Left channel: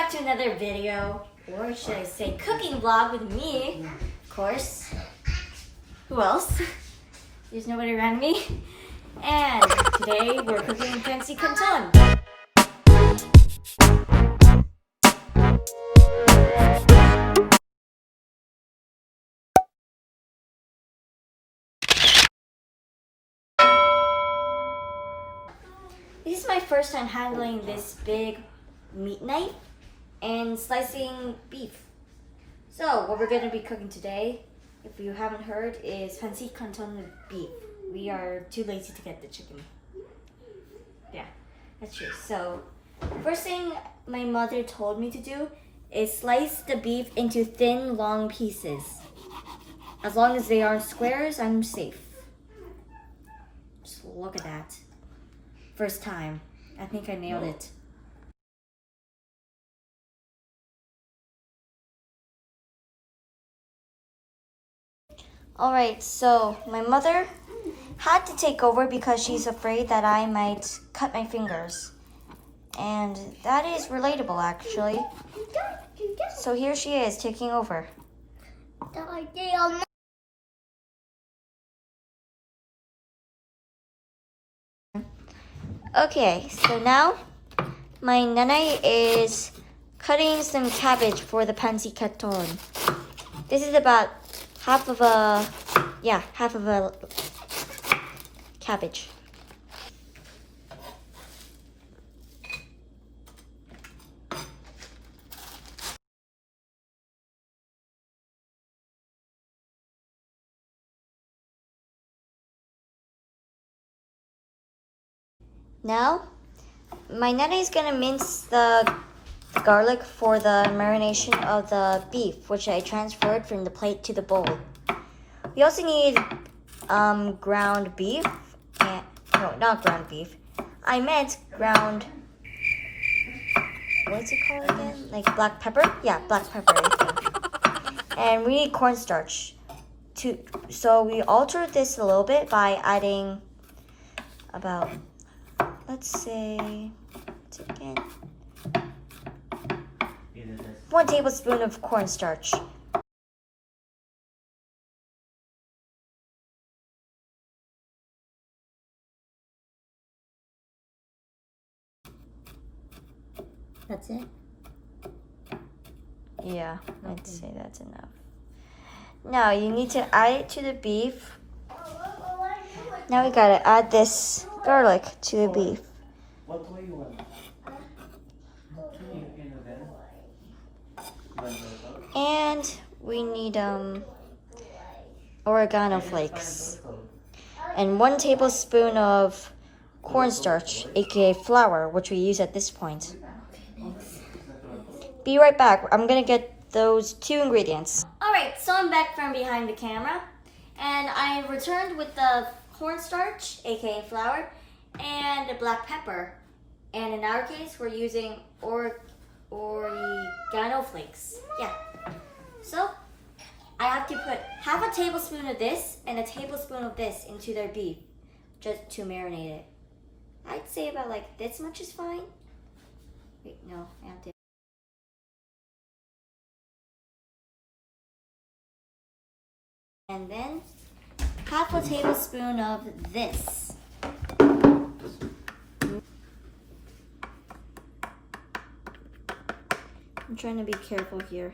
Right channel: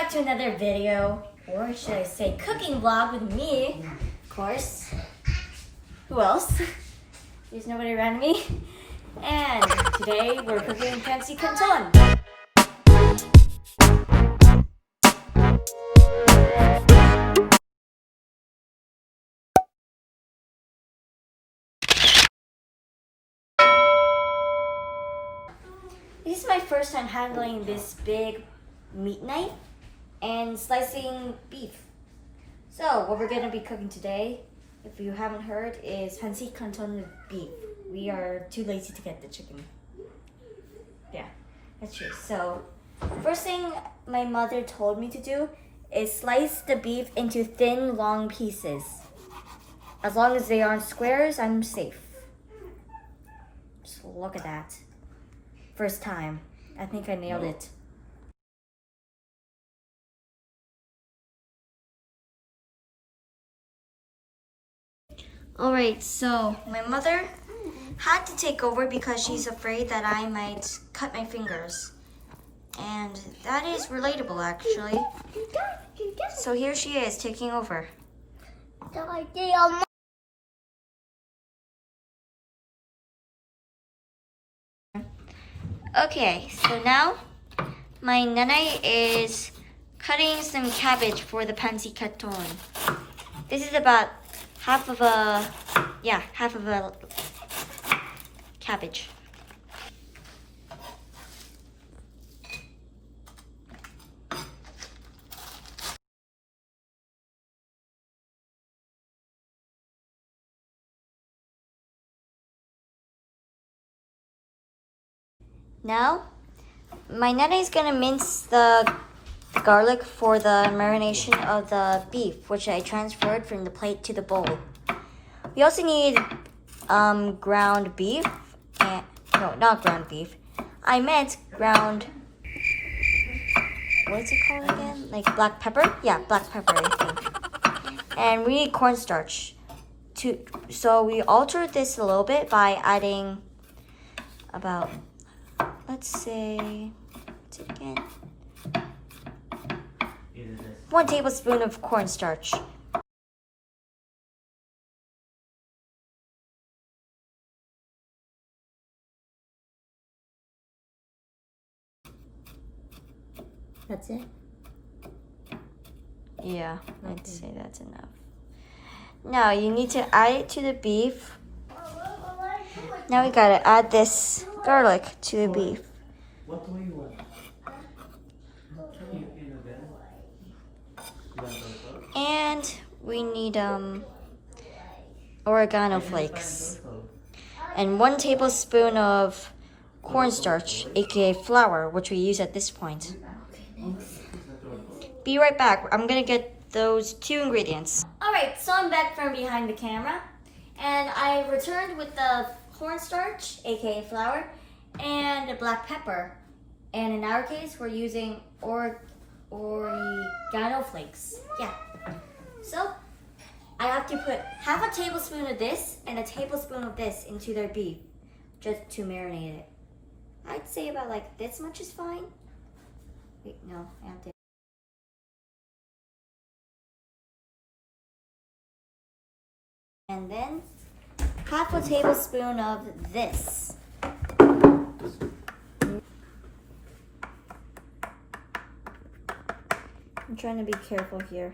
back to another video, or should I say cooking vlog with me, of course. Who else? There's nobody around me. And today we're cooking Pansit Canton. This is my first time handling this big meat knife and slicing beef. So what we're going to be cooking today, if you haven't heard, is Pansit Canton with beef. We are too lazy to get the chicken. Yeah, that's true. So first thing my mother told me to do is slice the beef into thin, long pieces. As long as they aren't squares, I'm safe. Just look at that. First time. I think I nailed it. Alright, so my mother had to take over because she's afraid that I might cut my fingers. And that is relatable, actually. So here she is, taking over. Okay, so now my nanay is cutting some cabbage for the Pansit Canton. This is about half of a cabbage. Now, my nanay is gonna mince the garlic for the marination of the beef, which I transferred from the plate to the bowl. We also need ground beef. No, not ground beef. I meant ground. What's it called again? Like black pepper? Yeah, black pepper, I think. And we need cornstarch. So we altered this a little bit by adding about, let's say, what's it again? 1 tablespoon of cornstarch. That's it? Yeah, I'd say that's enough. Now you need to add it to the beef. Now we gotta add this garlic to the beef. And we need oregano flakes. And 1 tablespoon of cornstarch, aka flour, which we use at this point. Be right back. I'm gonna get those 2 ingredients. Alright, so I'm back from behind the camera. And I returned with the cornstarch, aka flour, and the black pepper. And in our case, we're using oregano flakes. Yeah. So I have to put half a tablespoon of this and a tablespoon of this into their beef just to marinate it. I'd say about like this much is fine. Wait, no, I have to. And then half a tablespoon of this. I'm trying to be careful here.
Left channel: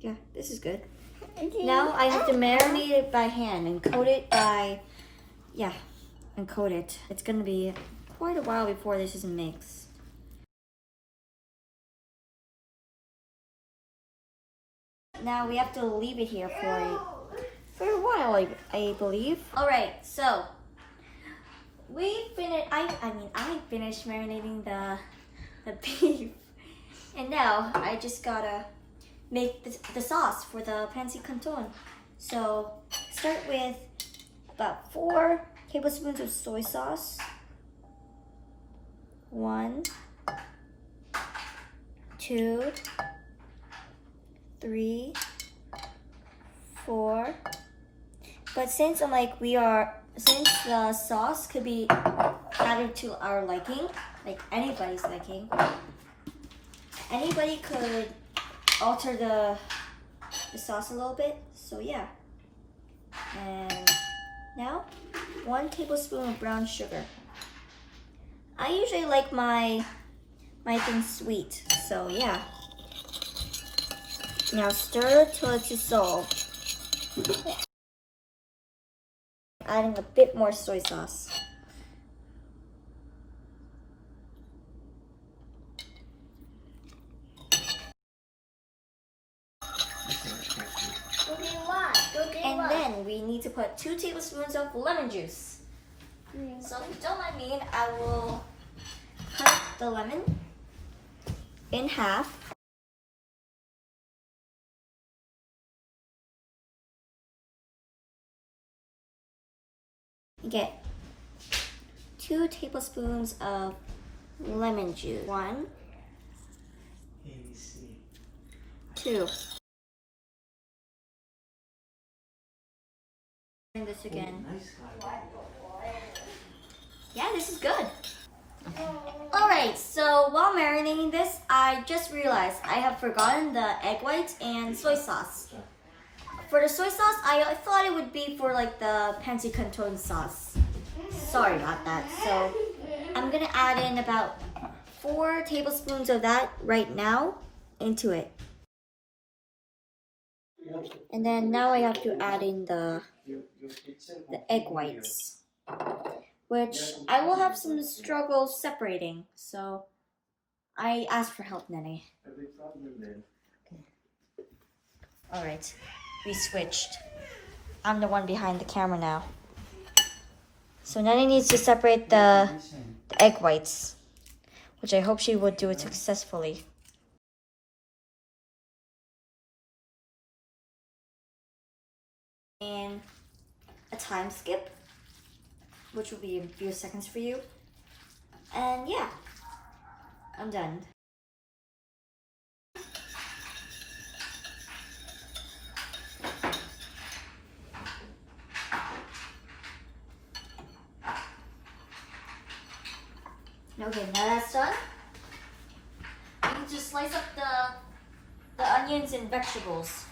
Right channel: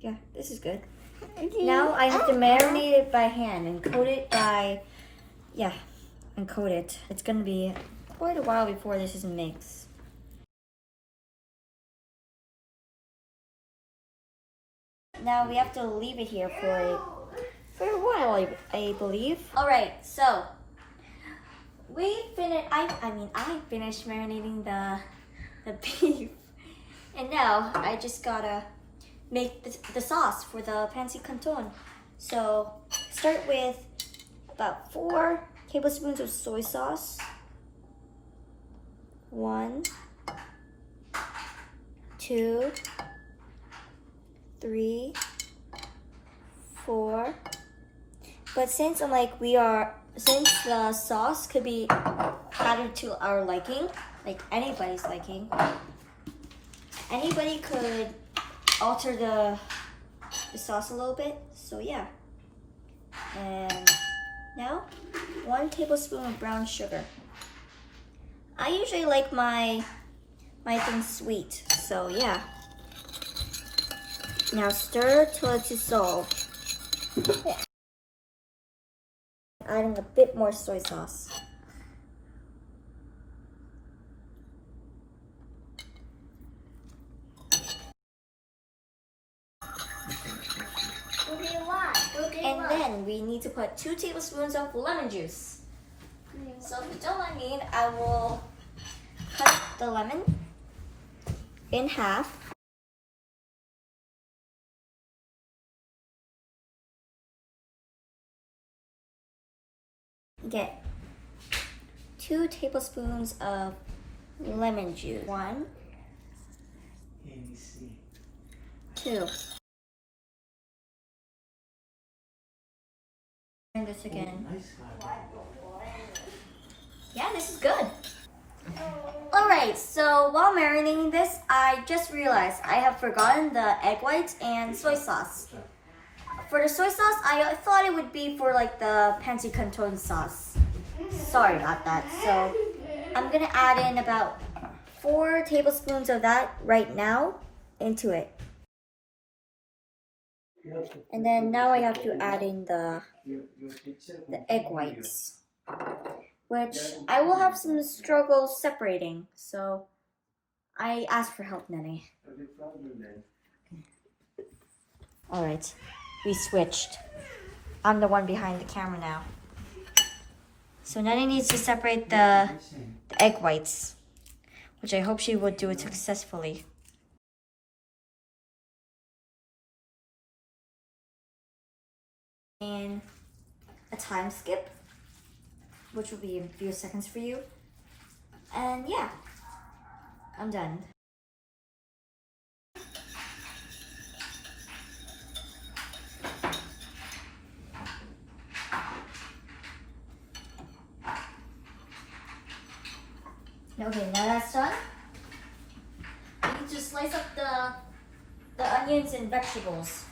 Yeah, this is good. Now I have to marinate it by hand and coat it by, and coat it. It's gonna be quite a while before this is mixed. Now we have to leave it here for a while, I believe. All right, so I finished marinating the beef, and now I just gotta make the sauce for the Pansit Canton. So start with about 4 tablespoons of soy sauce. 1, 2, 3, 4. But since we are since the sauce could be added to our liking, like anybody's liking, anybody could alter the sauce a little bit. So yeah. And now 1 tablespoon of brown sugar. I usually like my things sweet, so yeah. Now stir till it's dissolved. Adding a bit more soy sauce. And then we need to put 2 tablespoons of lemon juice. So if you don't mind me, I will cut the lemon in half. You get 2 tablespoons of lemon juice. 1, 2. And this again. Yeah, this is good. Alright, so while marinating this, I just realized I have forgotten the egg whites and soy sauce. For the soy sauce, I thought it would be for like the Pansit Canton sauce. Sorry about that. So I'm gonna add in about 4 tablespoons of that right now into it. And then now I have to add in the egg whites, which I will have some struggle separating. So I asked for help, Nene. Alright, we switched. I'm the one behind the camera now. So Nene needs to separate the egg whites, which I hope she would do it successfully. And a time skip, which will be a few seconds for you. And yeah, I'm done. Okay, now that's done. You need to slice up the onions and vegetables,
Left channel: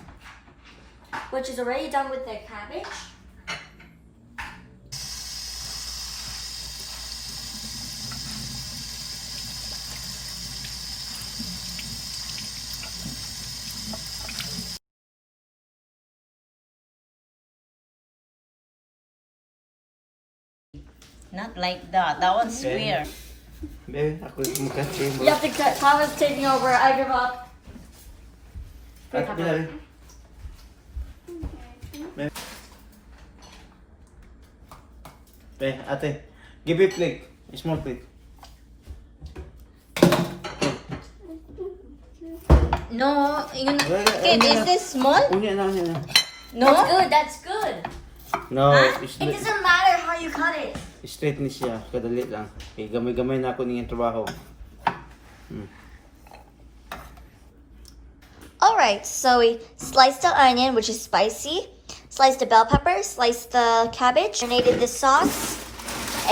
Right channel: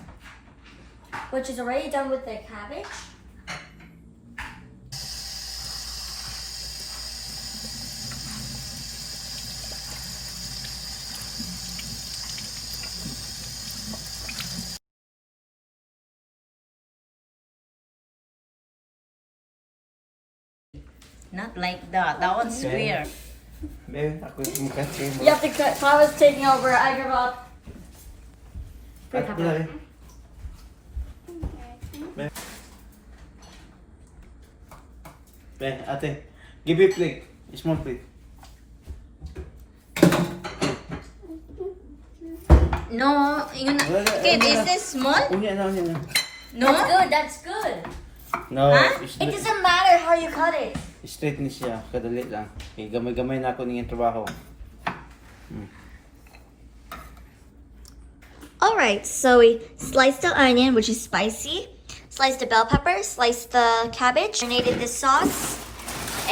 which is already done with the cabbage. Not like that. That one's weird. Babe, ako yung magkatrim. You have to cut. Paula's taking over. I give up. At bilay. Babe, ate, give me a plate. A small plate. No, yun. Okay, this is small? Unya na. No? That's good. That's good. No, Huh? it's It doesn't matter how you cut it. straight ni siya. Kadali lang. Okay, gamay-gamay na ako niyang trabaho. Alright, so we sliced the onion, which is spicy, sliced the bell pepper, sliced the cabbage, marinated the sauce,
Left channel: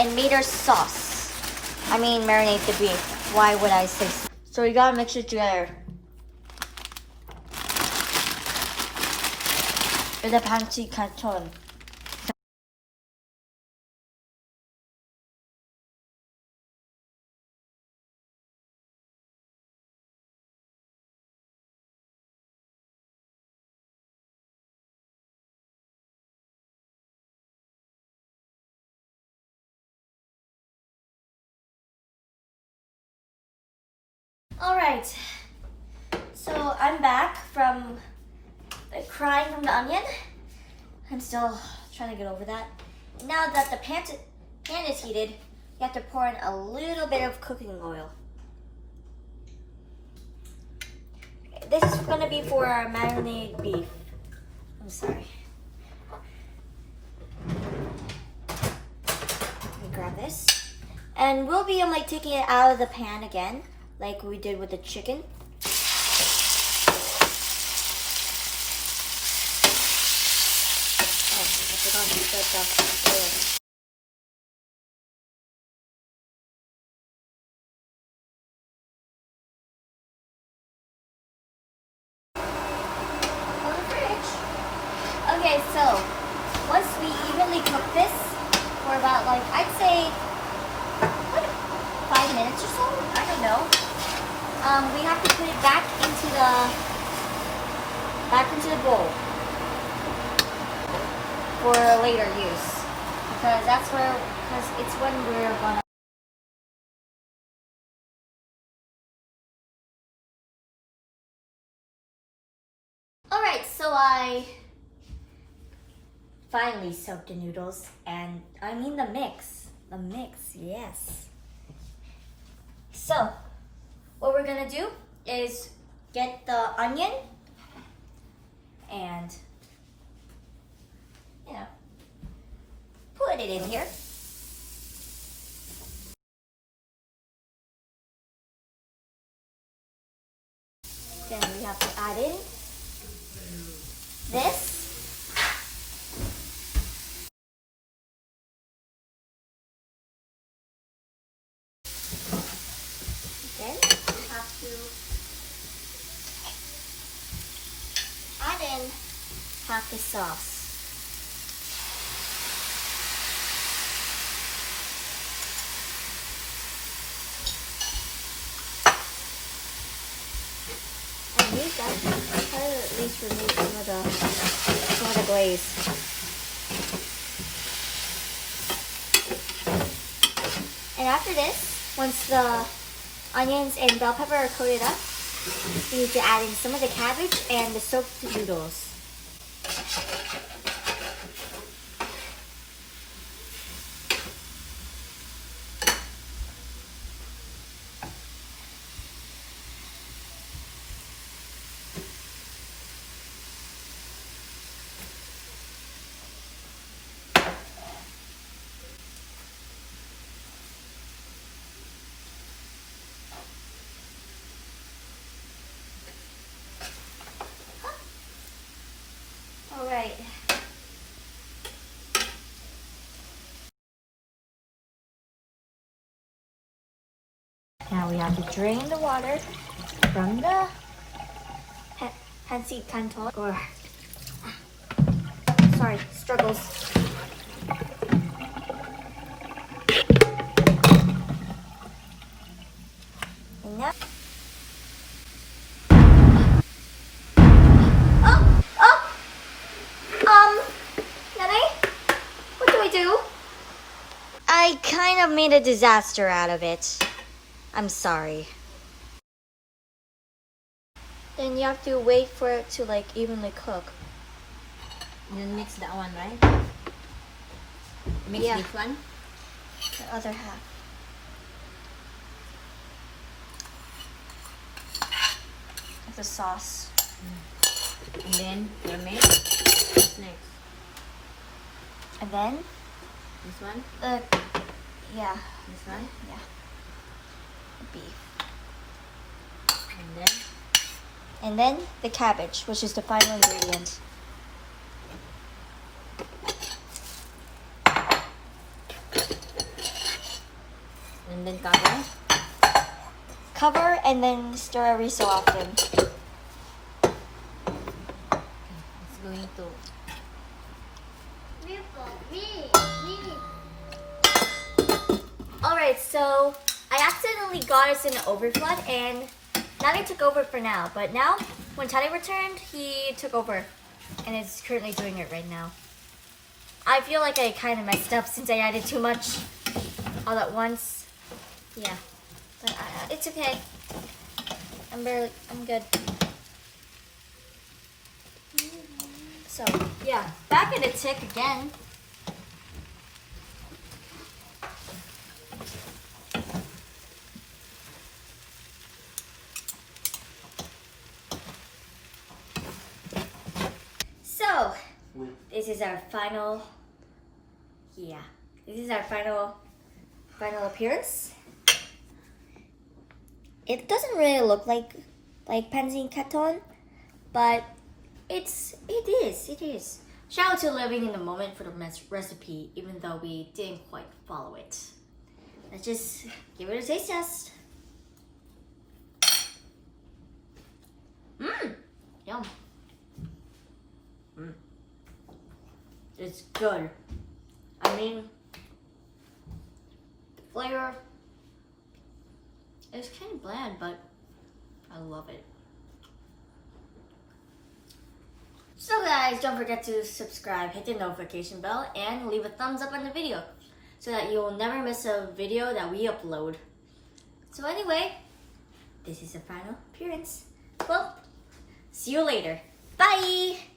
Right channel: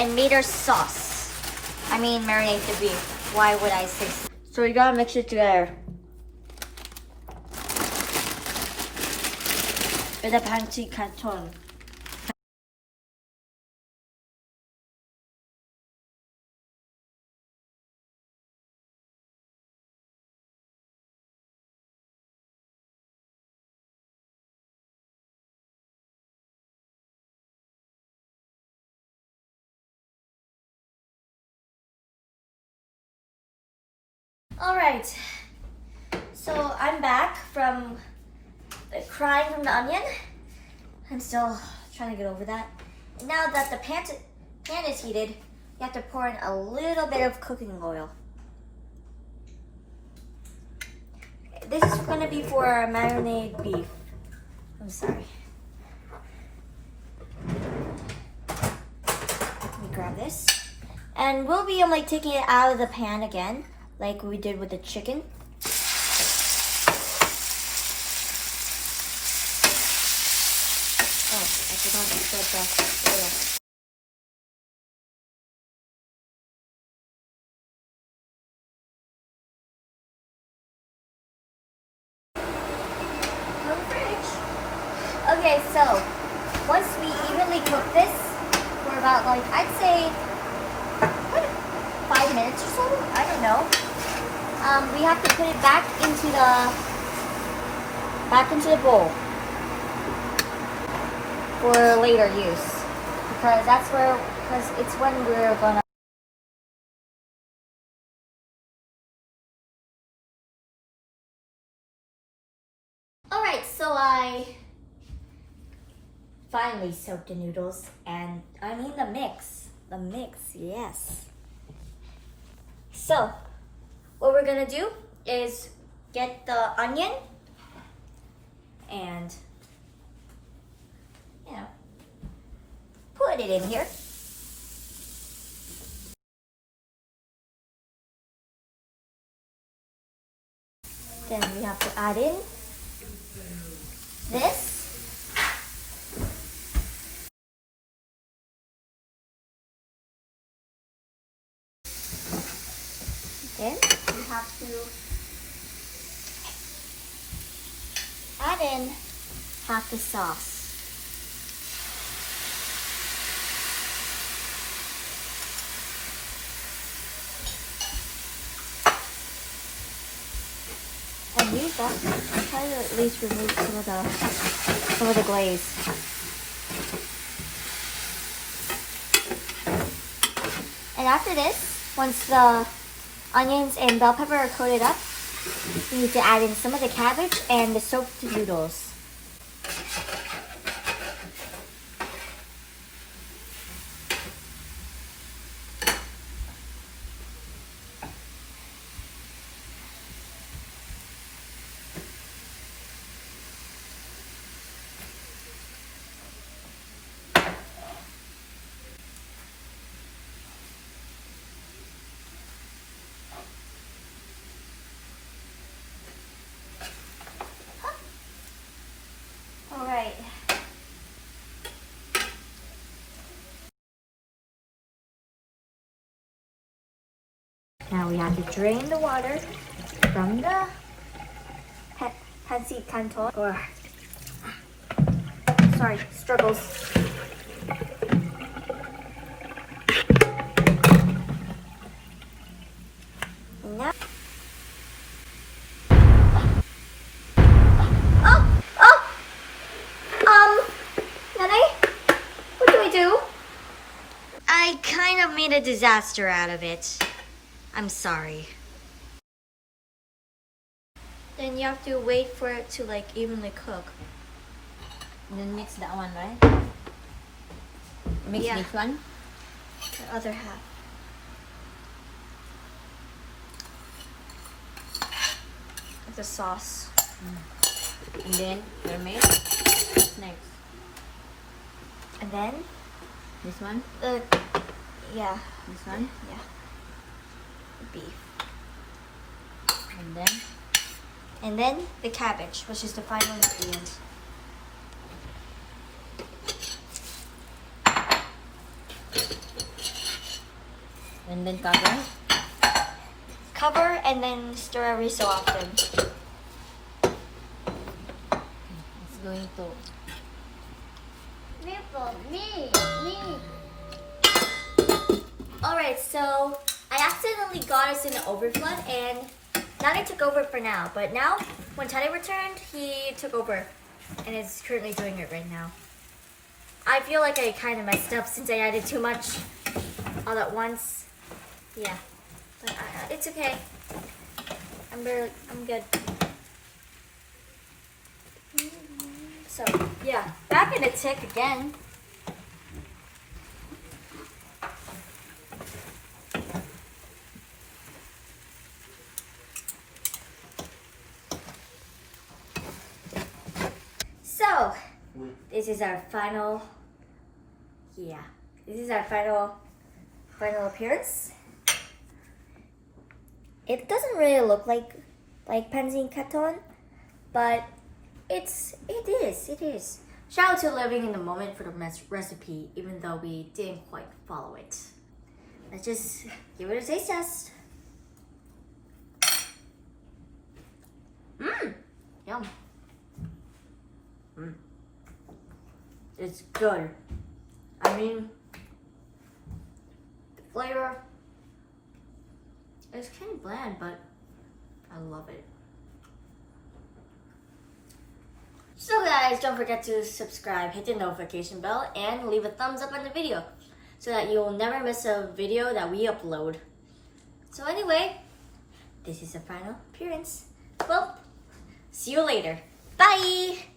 and made our sauce. I mean, marinate the beef. Why would I say so? So we gotta mix it together. The Pansit Canton. Alright, so I'm back from the crying from the onion. I'm still trying to get over that. And now that the pan is heated, you have to pour in a little bit of cooking oil. This is going to be for our marinated beef. I'm sorry. Let me grab this. And we'll be like taking it out of the pan again, like we did with the chicken. Oh, I forgot to put the oil. Okay, so once we evenly cook this for about like I'd say what, 5 minutes or so. I don't know. We have to put it back into the bowl for later use because it's when we're gonna. Alright, so I finally soaked the noodles and I mean the mix. The mix, yes. So, what we're gonna do is get the onion and, you know, put it in here. Then we have to add in this. Then we have to add in half the sauce. And we got to try to at least remove some of the glaze. And after this, once the onions and bell pepper are coated up, you need to add in some of the cabbage and the soaked noodles. All right. Now we have to drain the water from the Pansit Canton, or sorry, struggles. Now, Nanay, what do I do? I kind of made a disaster out of it. I'm sorry. Then you have to wait for it to like evenly cook. And then mix that one, right? Mix Yeah. this one. The other half. Of the sauce. And then the mix. Next. And then This one. yeah, This one. yeah. The beef. And then the cabbage, which is the final ingredient. And then cover. Cover and then stir every so often. It's going to. Alright, so I accidentally got us in an overflood and Nugget took over for now. But now, when Teddy returned, he took over and is currently doing it right now. I feel like I kind of messed up since I added too much all at once. Yeah, but it's okay. I'm good. So, yeah, back in the tick again. So, this is our final, this is our final appearance. It doesn't really look like Pansit Canton, but it is. Shout out to Living in the Moment for the recipe, even though we didn't quite follow it. Let's just give it a taste test. Yum. It's good. I mean, the flavor is kind of bland, but I love it. So guys, don't forget to subscribe, hit the notification bell, and leave a thumbs up on the video so that you'll never miss a video that we upload. So anyway, this is the final appearance. Well, see you later. Bye!